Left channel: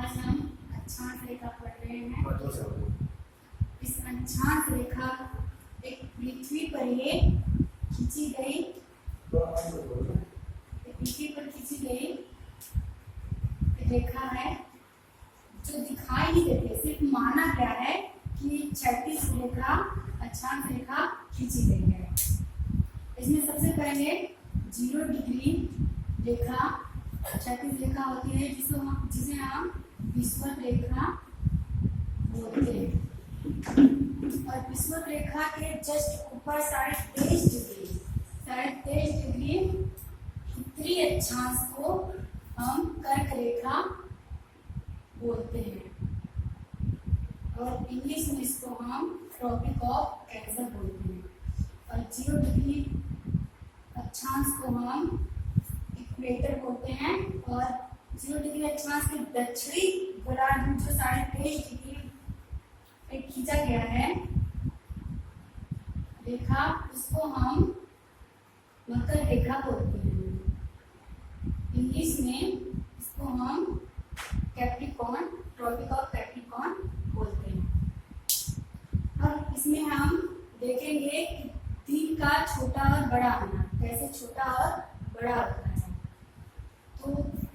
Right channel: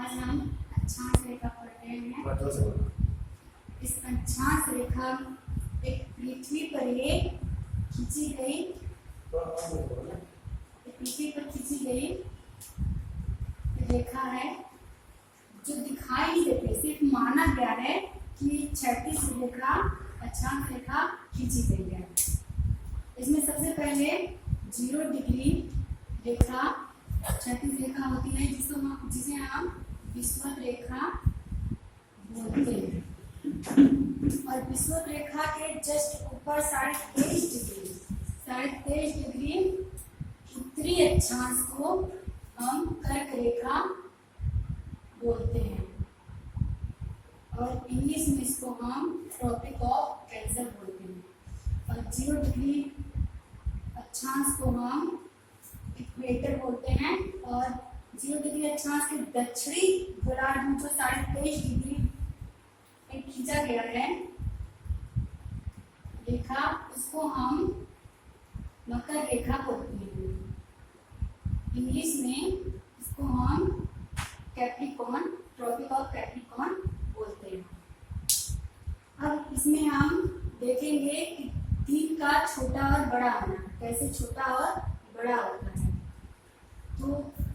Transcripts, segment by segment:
आज हम अक्षांश रेखा पढ़ रहे हैं। इस अक्षांश रेखा एक पृथ्वी पर ये खींची गई, पृथ्वी पर खींची गई रेखा है जो दिखाई नहीं देती, सिर्फ माना गया है कि क्षैतिज रेखा अक्षांश रेखा खींची गई है। इसमें सबसे पहले 0 डिग्री रेखा क्षैतिज रेखा होती है जिसे हम विषुवत रेखा बोलते हैं। और विषुवत रेखा के जस्ट ऊपर 23.5 डिग्री उत्तरी अक्षांश को हम कर्क रेखा बोलते हैं और इंग्लिश में इसको हम ट्रॉपिक ऑफ कैंसर बोलते हैं। और 0 डिग्री अक्षांश को हम इक्वेटर बोलते हैं। और 0 डिग्री अक्षांश के दक्षिणी गोलार्ध में जो 23.5 डिग्री पे खींचा गया है रेखा, उसको हम मकर रेखा बोलते हैं। इंग्लिश में इसको हम कैप्रिकॉर्न, ट्रॉपिक ऑफ कैप्रिकॉर्न बोलते हैं। अब इसमें हम देखेंगे कि दिन का छोटा और बड़ा होना, कैसे छोटा और बड़ा होता है। तो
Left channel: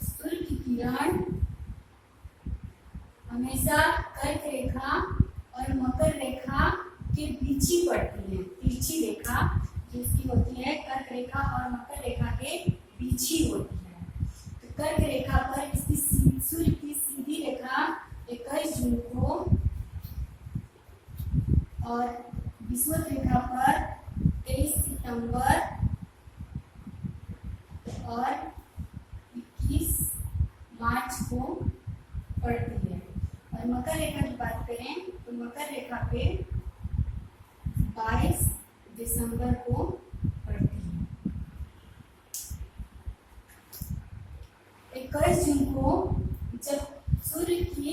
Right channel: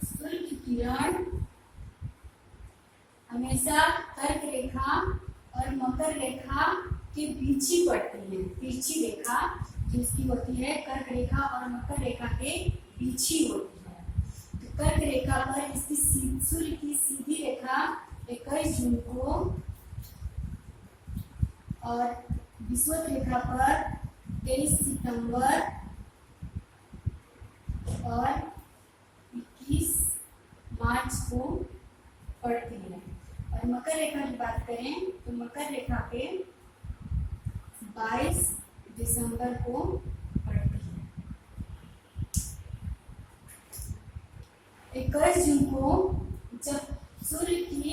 सूर्य की किरण हमेशा कर्क रेखा और मकर रेखा के बीच ही पड़ती है। तिरछी रेखा जिसकी होती है कर्क रेखा और मकर रेखा के बीच ही होती है। तो कर्क रेखा पर इसकी सूर्य की सीधी रेखा 21 जून को और विषुवत रेखा पर 23 सितंबर और 21 मार्च को पड़ती है। और मकर रेखा की बात करें तो मकर रेखा पे 22 दिसंबर को पड़ती है। 21 जून को जब सूर्य की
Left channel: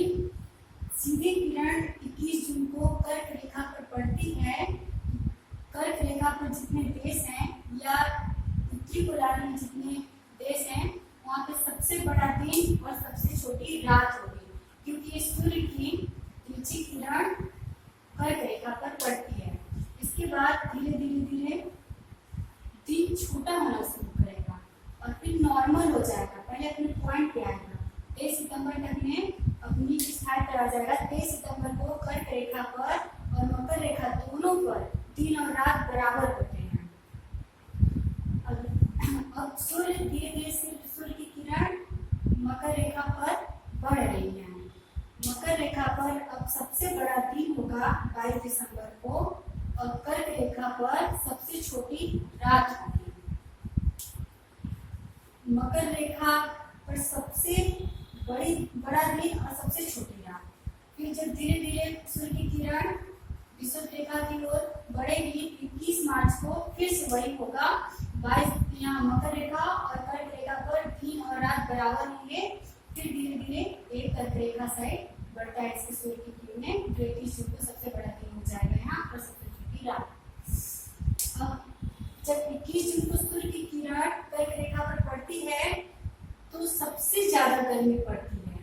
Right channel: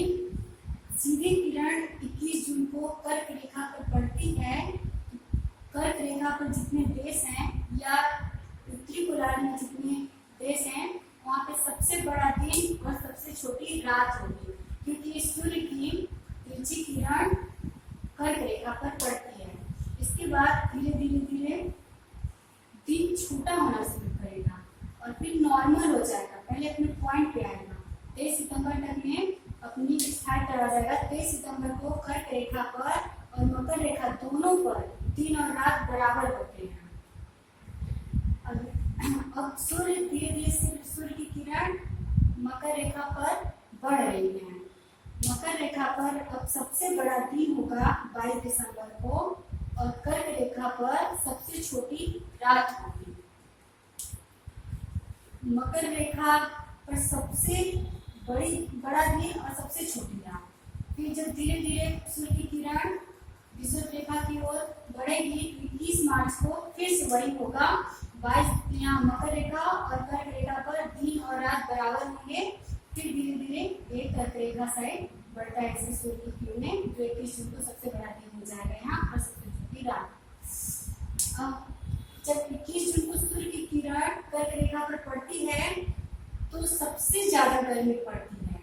सीधी किरण 21 जून को कर्क रेखा पर पड़ती है, कर्क रेखा पर जितने देश हैं या उत्तरी गोलार्ध में जितने देश हैं वहाँ पे सबसे बड़ा दिन और सबसे छोटी रात होगी, क्योंकि सूर्य की तिरछी किरण कर्क रेखा पर पड़ती है। इसके बाद धीरे धीरे दिन छोटा होना शुरू करेगा और फिर नॉर्मल हो जाएगा, पहले अपने पॉइंट पे आएगा। 23 सितंबर तक में अपनी स्थान पर आ जाएगा। 23 सितंबर को कर्क रेखा पर और मकर रेखा दोनों पर दिन और रात बराबर होते हैं। अब सूर्य धीरे धीरे सूर्य की किरण मकर रेखा पर बढ़ रही है। मकर रेखा पर अब सबसे बड़ा दिन होगा 22 दिसंबर को और कर्क रेखा पर सबसे छोटी रात होगी। मकर रेखा पर सबसे बड़ा दिन और सबसे छोटी रात। फिर जब धीरे धीरे सूर्य की किरण विषुवत रेखा की ओर बढ़ेगी 21 मार्च को फिर से वही होगा। 22 यहाँ मकर रेखा और कर्क रेखा पर दिन और रात बराबर होंगे। फिर धीरे धीरे एक कर्क रेखा साइड बढ़ता है इससे सूर्य की किरणें, जो 21 जून को सबसे बड़ा दिन हो जाएगा यहाँ और सबसे छोटी रात। अब जब 21 जून को सूर्य की किरण कर्क रेखा पर पड़ती है तो सबसे ज्यादा गर्मी पड़ती है।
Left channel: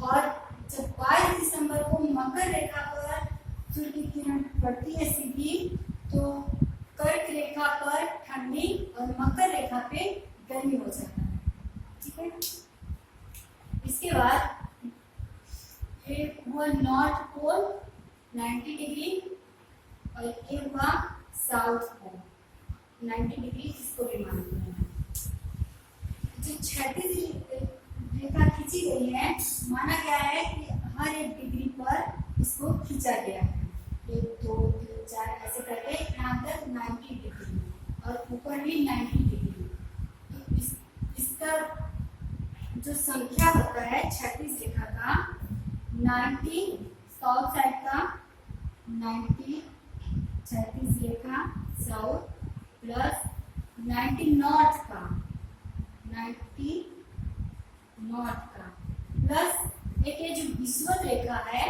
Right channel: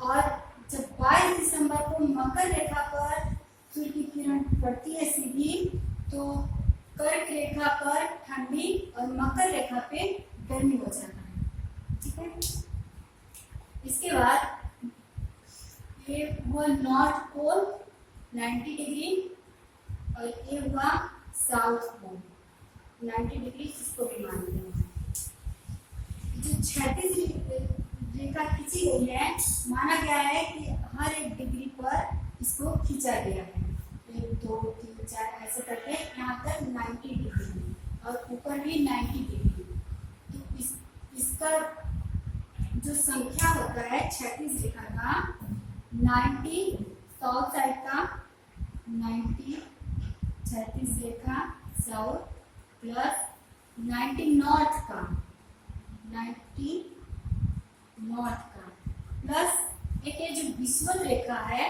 और जब 22 दिसंबर को मकर रेखा पर सूर्य की किरण पड़ती है सीधी, तो कर्क रेखा पर ठंडी और मकर रेखा पे गर्मी हो जाता है। ठीक है, इसके बाद ये हुआ नॉर्थ पोल 90 डिग्री और ये हुआ साउथ पोल 90 डिग्री, इसको भी मानते हैं। जो क्षैतिज रेखा खींची गई है, माना गया है कि हर एक डिग्री पर इसको खींचा गया है। 1 2 3 4 ऐसे करके यहाँ तक 90 डिग्री और ऊपर भी 90 डिग्री। तो इसका जो संख्या होता है क्षैतिज रेखा का 90 साउथ साइड का 90 क्षैतिज रेखा साउथ प्लस 90 नॉर्थ का 90 नॉर्थ का प्लस एक ये जो विषुवत रेखा है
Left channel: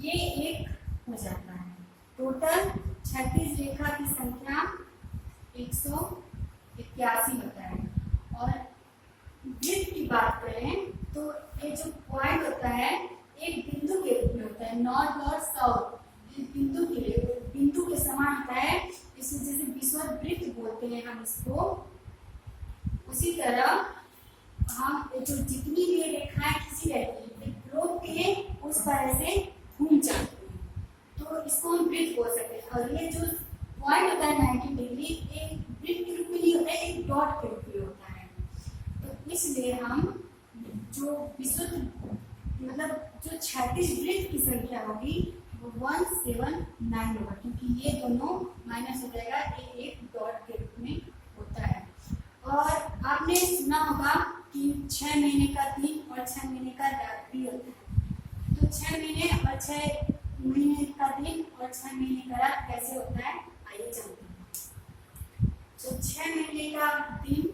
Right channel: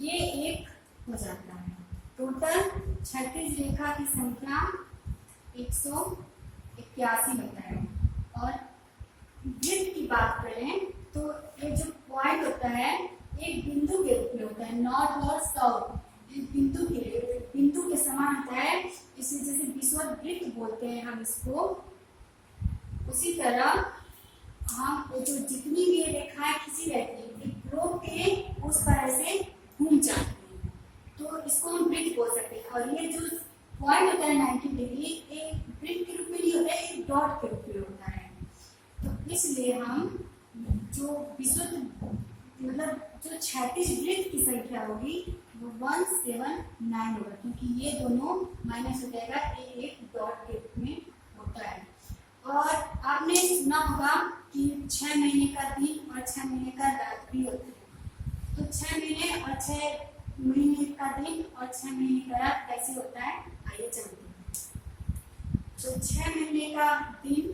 ये एक हो जाता है। टोटल क्षैतिज रेखा की संख्या 181 होता है। और वृत्त की बात करें तो ये जो होता है एक बिंदु के रूप में होता है, नॉर्थ और साउथ बिंदु के समान होता है। इसे जैसे विषुववृत्त बोलते हैं हम इसको, उसी तरह हम जो जितनी भी रेखाएं खींची रहती है ग्लोब के उस पर से घूम जाती है, तो इसको हम वृत्त बोल सकते हैं। और ये जो पॉइंट होता है 90 डिग्री, एक वृत्त के रूप में नहीं होता है, एक डॉट के रूप में होता है। तो इसलिए हम जो विशुद्ध मतलब जो 36 वृत्त की संख्या होगी वो 179 होगा, क्योंकि ये दोनों माइनस हो जाएगा, ये एक डॉट के रूप में होता है। और आपने सुना होगा कि 6 महीने का दिन और 6 महीने का रात भी होता है। तो 6 महीने और 6 महीने का दिन और 6 महीने का रात कैसे होता है, आइए जानते हैं। तो 6 महीने का दिन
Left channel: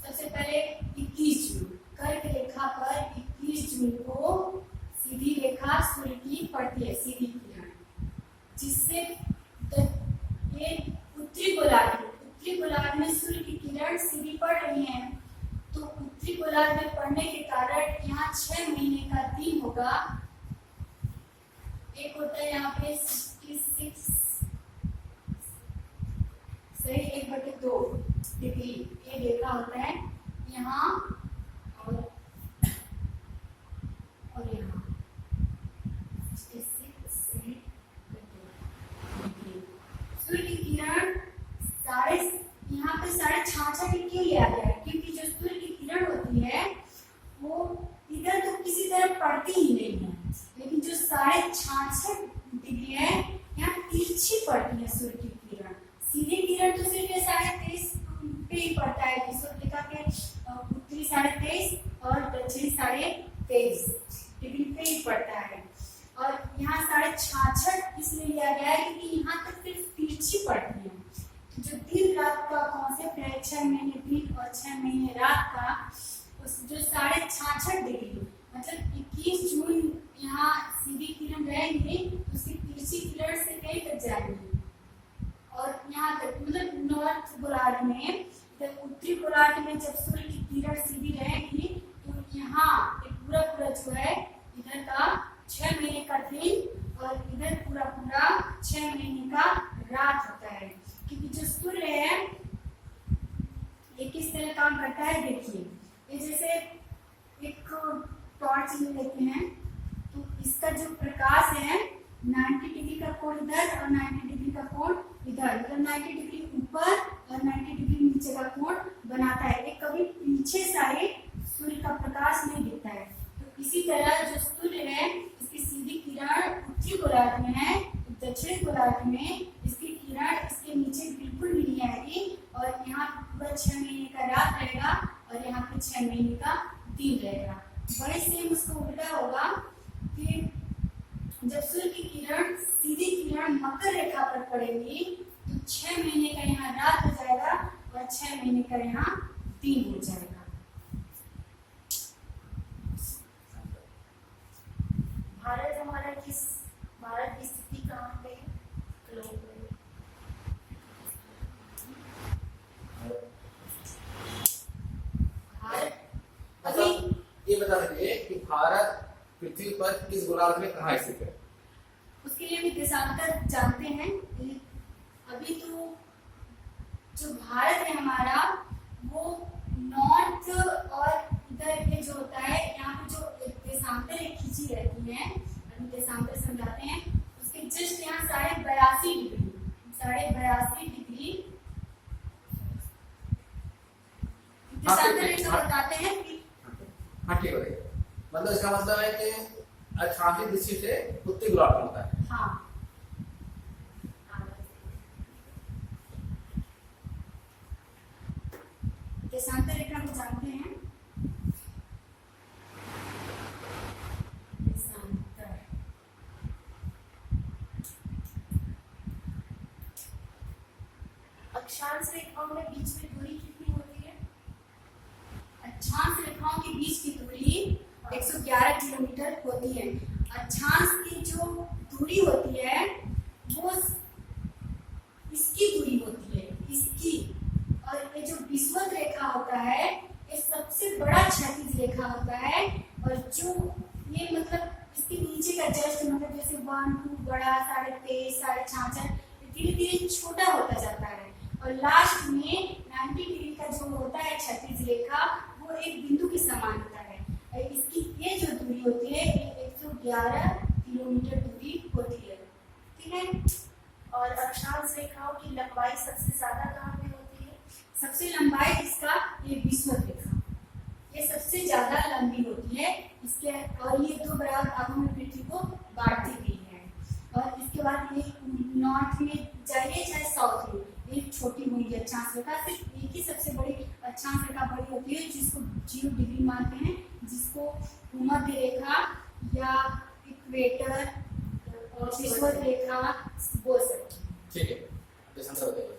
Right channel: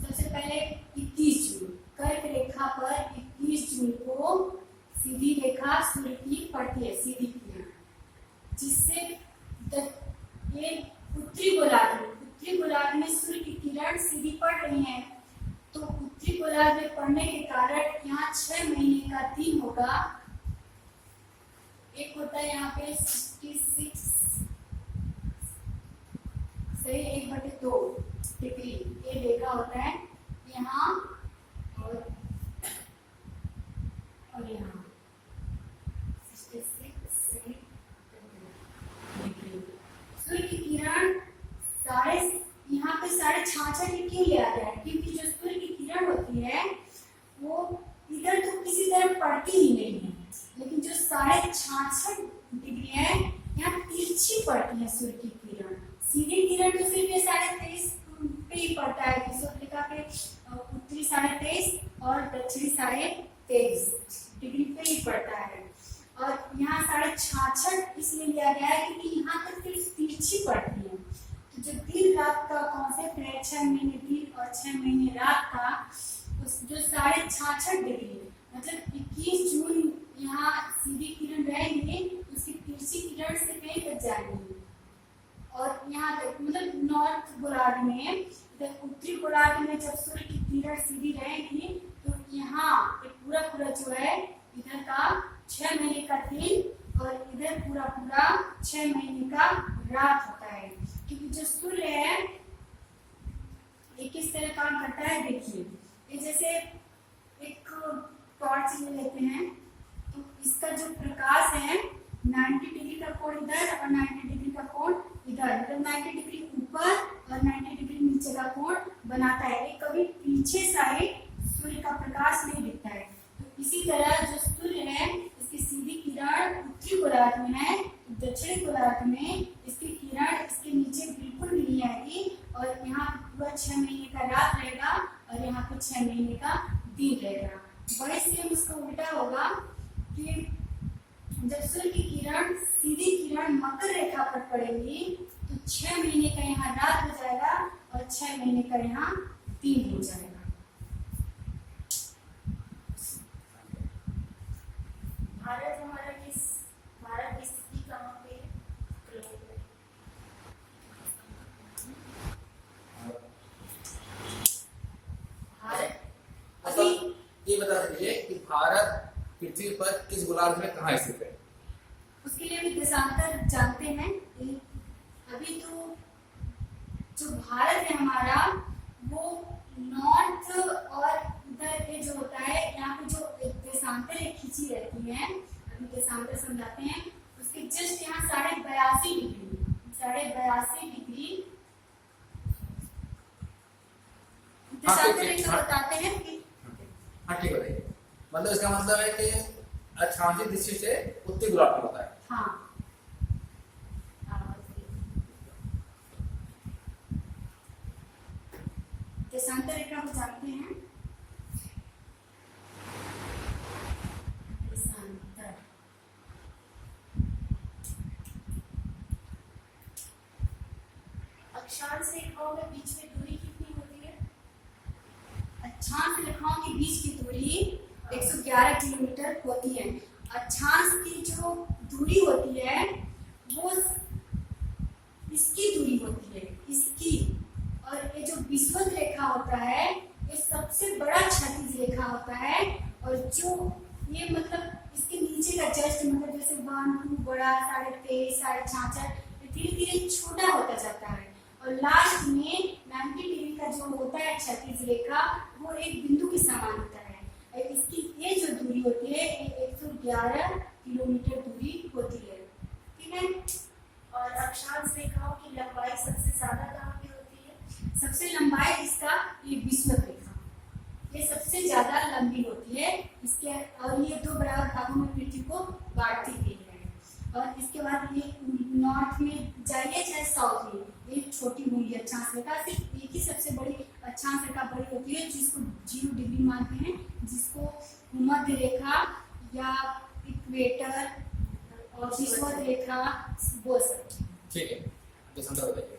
सबसे पहले 21 जून, कर्क रेखा पर 21 जून को सीधी रेखा सूर्य की पड़ती है, सीधी किरण, जिससे ये उत्तरी गोलार्ध में सूर्य की किरण सीधी पड़ रही है। तो उत्तरी गोलार्ध में पड़ने के कारण यहाँ 6 महीने का दिन होगा। एक होता है यहाँ पे 66 से 1/2 डिग्री, ये देखा होता है यहाँ और यहाँ 66 से डिग्री। सूर्य की किरण यहाँ पे 66.5 क्यों लिया गया है, क्योंकि जो सूर्य की किरण होती है वो इधर तो किसी तरह पड़ती ही नहीं है, लेकिन जो 66.5 डिग्री है यहाँ तिरछी पड़ती है सूर्य की किरण। सीधी किरण तो सिर्फ 23.5 पे ही पड़ता है, विषुववृत्त के उत्तरी 23.5 और दक्षिणी 23.5 डिग्री पे ही पड़ता है। और यहाँ 66.5 इसलिए लिया गया है क्योंकि यहाँ तक सिर्फ तिरछी पड़ती है। तो जो दिन रात का कॉन्सेप्ट है, 6 महीने दिन और 6 महीने रात का, उस जो 66.5 डिग्री मतलब 21 जून यहाँ सीधी किरण रहेंगी, उसकी तिरछी किरण से कहीं तक जाएंगी और यहाँ तक मतलब नॉर्थ गोलार्ध में, उत्तरी गोलार्ध में जब सूर्य की किरण सीधी रहेगी तो यहाँ पूरा जो है इधर का 6 महीने का दिन और इधर पूरा 6 महीने का रात होता है। क्योंकि जो सूर्य है ये किस तरह काम करता है, देखिए ये जैसे एक टॉर्च में लेते हैं तो इसका जो प्रकाश है 90 डिग्री का कोण इधर और 90 डिग्री का कोण इधर, मतलब 90 डिग्री ऊपर और 90 डिग्री नीचे का कोण बनाता है। ये कभी पीछे साइड सूर्य का प्रकाश नहीं दिखता है। तो इसी तरह जो सूर्य है इसकी सीधी किरण उत्तरी गोलार्ध में है, दक्षिणी गोलार्ध में इसकी किरण इसके नीचे बिल्कुल भी नहीं आएगी और यहाँ पूरा 6 महीने का रात रहेगा और यहाँ पे 6 महीने का दिन रहेगा। वही सेम उसका उल्टा होगा कि जब सूर्य की किरण सीधी किरण मकर रेखा पर पड़ेगी तो 6 महीने का यहाँ रात हो जाएगा और 6 महीने का यहाँ दिन हो जाएगा। भारत की स्थिति कहाँ पे ग्लोब में? भारत अभी ये बता दीजिए कि भारत पृथ्वी पर किस गोलार्ध में कहाँ स्थित है? उसके लिए भी देशांतर जानते हैं। अभी तो जो भारत है हमारा वो नॉर्थ और इधर ये जो होता है यहाँ पे जो देशांतर खींची रहती है, अभी देशांतर समझाते हैं। उसके जस्ट यहाँ 82.5 डिग्री देशांतर जो बताते हैं कि हाँ ठीक है, मतलब इसका मतलब है कि 88 दृष्टि से उत्तरी गोलार्ध होता है। हाँ देशांतर रेखा को जानते हैं। देशांतर अक्षांश रेखाओं के बीच में दूरी कितनी होती है? अक्षांश रेखाओं के बीच की दूरी 111 किलोमीटर होती है। अक्षांश की जो दूरी होती है वो इसकी दूरी होती है, इसकी। और ये जो विषुवत रेखा होता है ये सबसे बड़ा क्षैतिज रेखा होता है, और जो ये मतलब इसके नीचे का जस्ट मतलब जैसे 1 2 बड़ा 23.5 66 धीरे धीरे छोटा होता जाता है, और लास्ट में 90 डिग्री का जो होता है क्षैतिज रेखा वो एक बिंदु के समान होता है। और इसकी ये जो दूरी होती है ये 111 किलोमीटर दूरी होती है। ठीक है। और अक्षांश रेखाओं की लंबाई सबसे ज्यादा कहाँ पे होती है? सबसे लंबाई इसका ये विषुवत रेखा, ये सबसे ज्यादा लंबी होती है इसके, और ये दो बराबर भागों में पृथ्वी को बांट दी गई है। और इसके बाद ये नॉर्थ में जाइए चाहे साउथ में, ये छोटी हुई अक्षांश रेखा, सिर्फ एक ही सबसे बड़ी अक्षांश रेखा बड़ी होती है जिसको 0 डिग्री मानते हैं, जिसको भूमध्य रेखा या इक्वेटर और विषुवत रेखा बोल सकते हैं। ठीक है, देशांतर बताइए।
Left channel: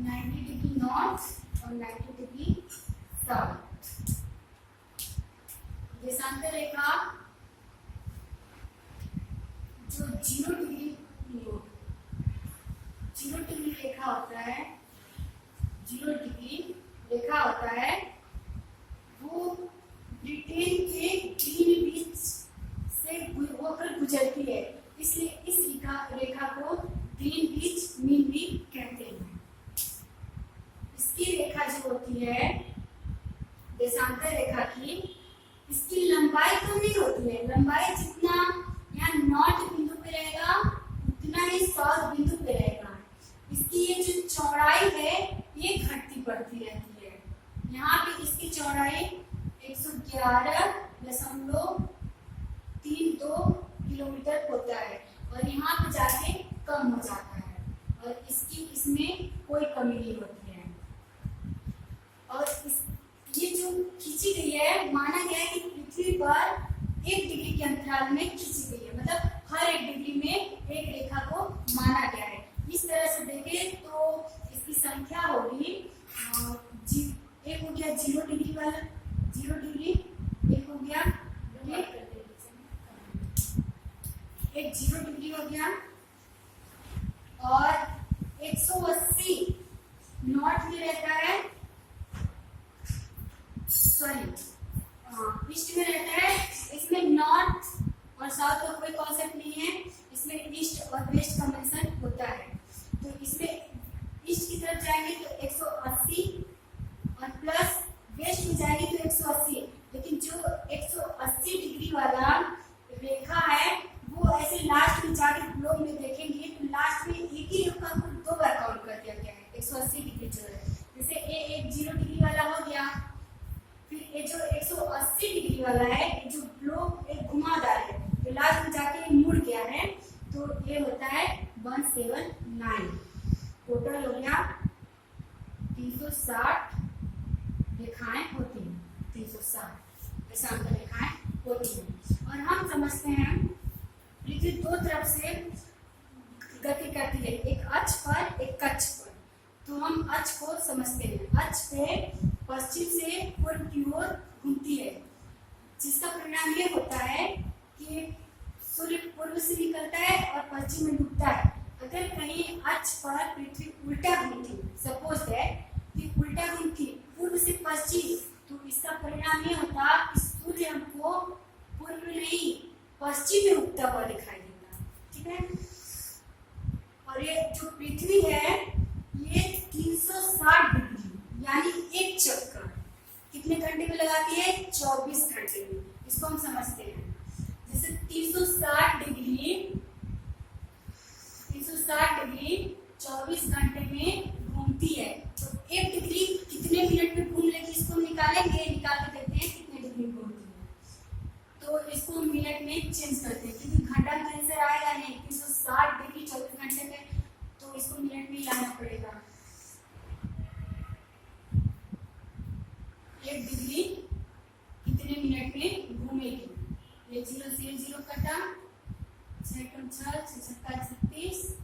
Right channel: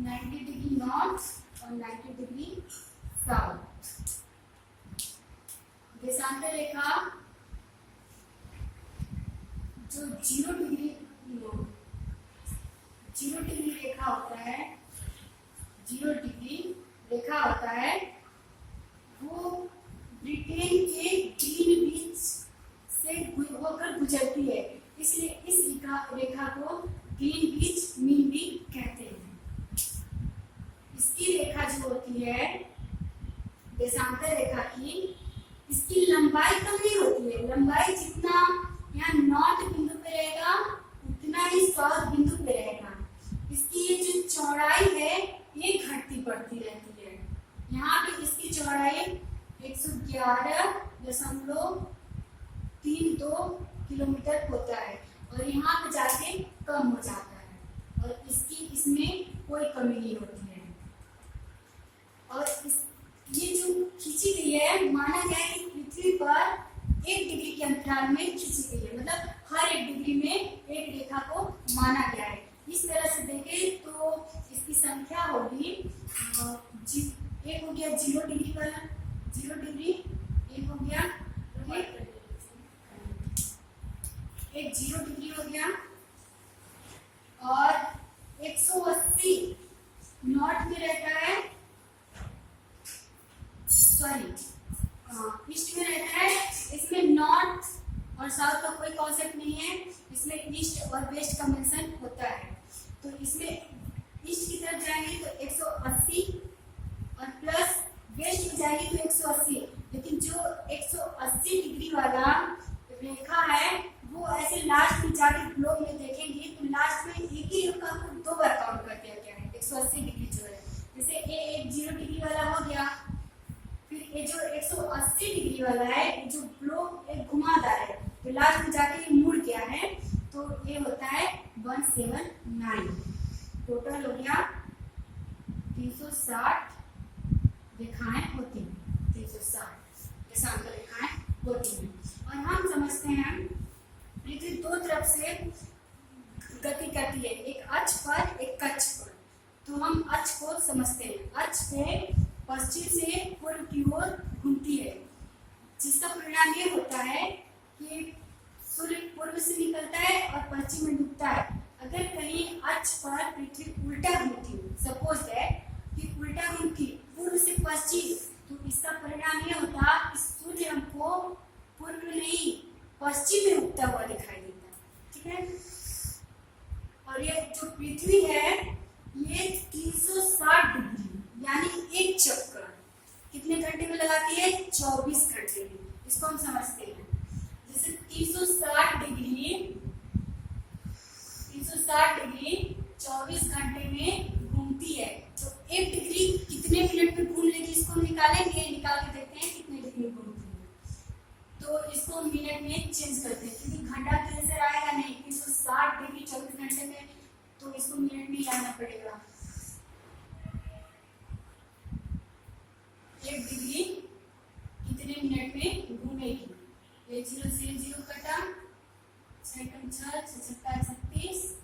90 डिग्री नॉर्थ और 90 डिग्री साउथ। देशांतर रेखा जो 0 डिग्री रेखा होता है, 0 डिग्री रेखा होता है, वो ब्रिटेन के ग्रीनविच से होकर गुजरती है, इसलिए इस रेखा को ग्रीनविच मीन भी कहते हैं। इसकी रेखा जो होती है देशांतर रेखा की, इसकी लंबाई कम नहीं होती है, लंबाई जितना यहाँ नॉर्थ बिंदु पे रहेगा उतना ही साउथ बिंदु पे रहेगा। इसकी ये जो चौड़ाई है ये घटती बढ़ती रहती है। यहाँ पे इसकी चौड़ाई 111.32 किलोमीटर होता है, और यहाँ पे जाके कम हो जाता है, और इसमें कोई कमी नहीं होती है। और ये जो खींची गई है, माना गया है कि पृथ्वी पर 1 डिग्री के अंतराल में खींची गई है, मतलब हर 1 डिग्री में एक रेखा को माना गया है। इस तरह से देखें तो इसकी संख्या होगी, एक हो गया 0 डिग्री वाला, 0 डिग्री, एक हो गया एक 0 डिग्री हो गया, और 180 नॉर्थ में रहता है, सॉरी ईस्ट में रहता है। इसमें नॉर्थ और साउथ का कोई कॉन्सेप्ट नहीं है, इसमें ईस्ट और वेस्ट का मेंशन होता है। तो इसमें ईस्ट की तरफ जाएंगे तो 180 और प्लस वेस्ट में जाएंगे तो 180, लेकिन जो 180 डिग्री वाला रेखा है वो ऐसे लास्ट में जाके ग्लोब में देखेंगे तो लास्ट में एक ही रेखा को 2 बार काउंट कर दिया गया है। 180 डिग्री जो है, जैसे एक 0 डिग्री वाला हो गया, फिर ये जो 180 डिग्री वाला है, ये जो ग्लोब एक घुमादार है, तो लास्ट में जाके ये मुड़ गया है, तो ये होता है 179। टोटल हो गया 360 रेखाएं होती हैं, 360 देशांतर रेखाएं होती हैं। और हम समझते हैं पृथ्वी 2 तरफ से गति करती है, एक अक्ष पर एक कक्ष पर। तो हम अक्ष को समझते हैं, अक्ष पे पश्चिम से पूर्व की ओर घूमती है, जिसका परिणाम ये होता है कि सूर्य पूर्व से निकलता है और पश्चिम में डूबता है। अगर कहीं अक्ष पर पृथ्वी उल्टा घूमती, सपोज दैट कि उल्टा घूमती पूर्व से पश्चिम, तो इसका परिणाम ये होता कि सूर्य हमको पूर्व नहीं पश्चिम में उगता हुआ दिखाई देता। ठीक है। और ये जो पृथ्वी है ये 360 डिग्री यानी एक चक्कर कितने घंटे में लगाती है? 24 घंटे में। इसको हम समझते हैं, जैसे 360 डिग्री 24 घंटे में घूमती है, तो 1 डिग्री कितने मिनट में घूम लेगी, इसको निकालेंगे, निकाल के देखते हैं कितने डिग्री में घूमती है। तो इसको मिनट में चेंज करते हैं, क्योंकि घंटा के आंसर आएगा नहीं, 360 डिग्री 24 घंटे में, तो इसको मिनट में लाना पड़ेगा। 1 डिग्री कितने मिनट में घूमेगी? ये 0 से 0 कटा, 6 कम 6, 6 छक्का 36,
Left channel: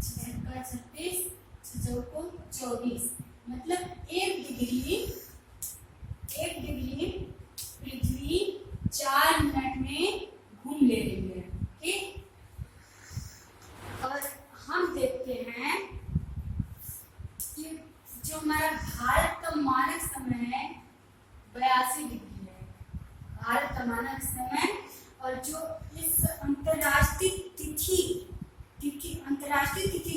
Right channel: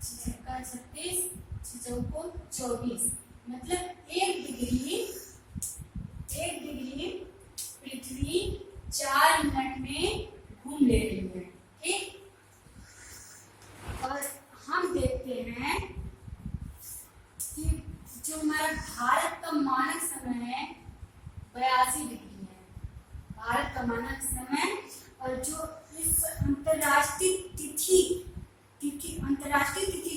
6 छक्का 36, 6 चौको 24, मतलब 1 डिग्री पृथ्वी 4 मिनट में घूम ले रही है। ठीक, देखते हैं कि जो हमारा भारत का मानक समय है 82 डिग्री है, भारत का मानक समय, और जो इस अंतर्राष्ट्रीय तिथि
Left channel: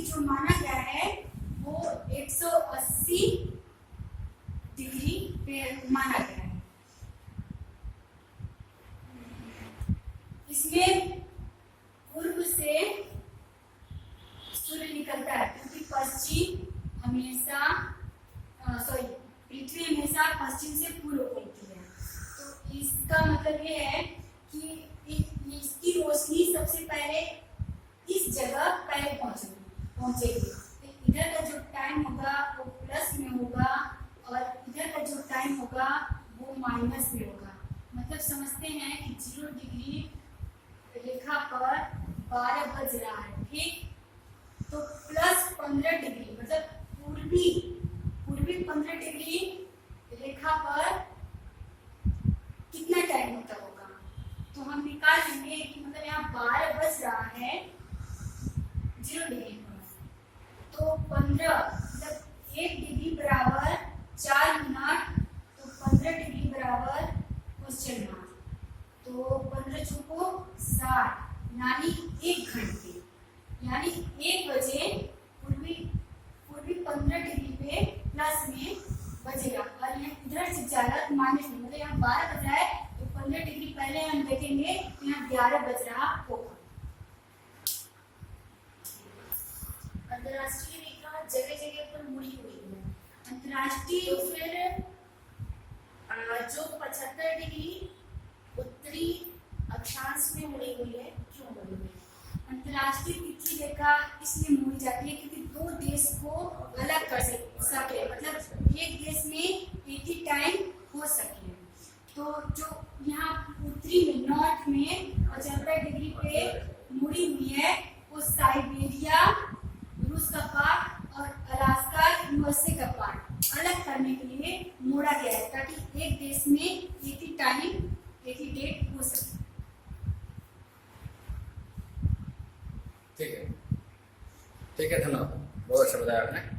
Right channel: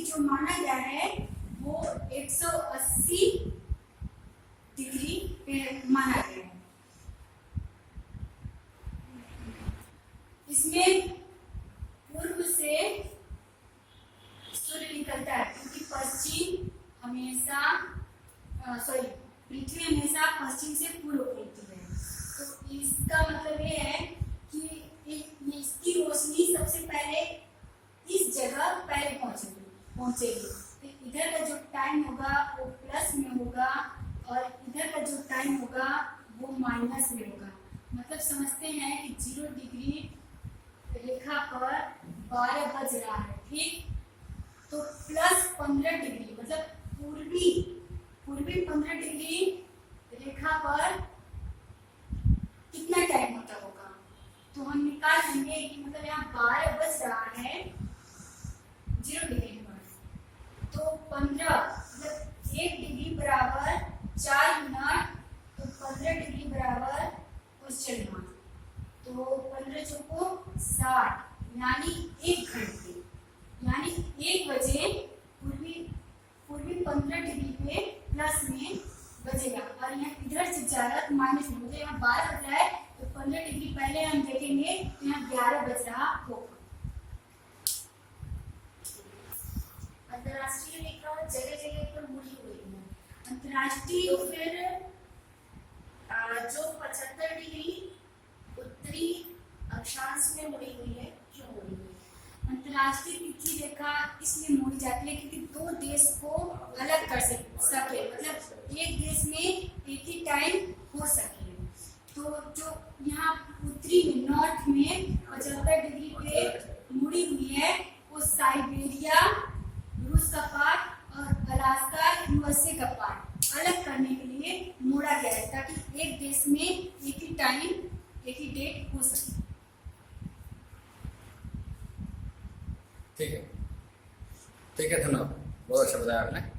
जो माना गया है वो 180 डिग्री पे माना गया है। इसमें पूर्व से सूर्य निकलता है, क्योंकि पृथ्वी हमेशा पश्चिम से पूर्व होती है। तो इसका मतलब ये है कि इसकी रोशनी सबसे पहले इस जगह पहले पहुंचेगी। तो इधर का जो टाइम होगा वो प्लस में होगा और इधर का जो टाइम होगा वो माइनस में होगा। मतलब समझते हैं कि 0 डिग्री रेखा पर 12 बज रहा है, ठीक। तो प्लस 15 डिग्री मतलब पूर्वी 15 डिग्री रेखा पर कितना टाइम होता होगा, तो हम निकाल लेंगे कि मतलब यहाँ 12 बज रहा है 0 डिग्री पर, तो 15 मतलब 1 डिग्री बराबर 4 मिनट, तो 15 डिग्री बराबर क्वेश्चन मार्क, तो 15 चौको 60 यानी 1 घंटे, यानी 1 बजे पूर्वी 15 डिग्री पे प्लस में बजेगा, और यहाँ इधर से ज्यादा माइनस में, मतलब यहाँ 12 बज रहा है तो 15 डिग्री पहले हम देखेंगे तो यहाँ 11 बज रहा होगा। अंतर्राष्ट्रीय रेखा जगह जगह पर मुड़ी हुई है। अंतर्राष्ट्रीय तो फिर जो 75 डिग्री उत्तरी अक्षांश में मुड़ी हुई है, क्यों मुड़ी हुई है? अंतर्राष्ट्रीय तिथि रेखा इसलिए मोड़ी जाती है क्योंकि दो देश को अलग कर सके, मतलब एक देश में एक ही टाइम हो सके। तो जो यहाँ उत्तरी में नॉर्थ में 75 डिग्री पे मुड़ी हुई है वो साइबेरिया रूस का पार्ट और अलास्का यूएसए का पार्ट अलग करने के लिए मोड़ा गया है, ताकि एक देश में एक ही टाइम एक ही डेट हो सके। ठीक है, धन्यवाद, बहुत अच्छा बताया आपने।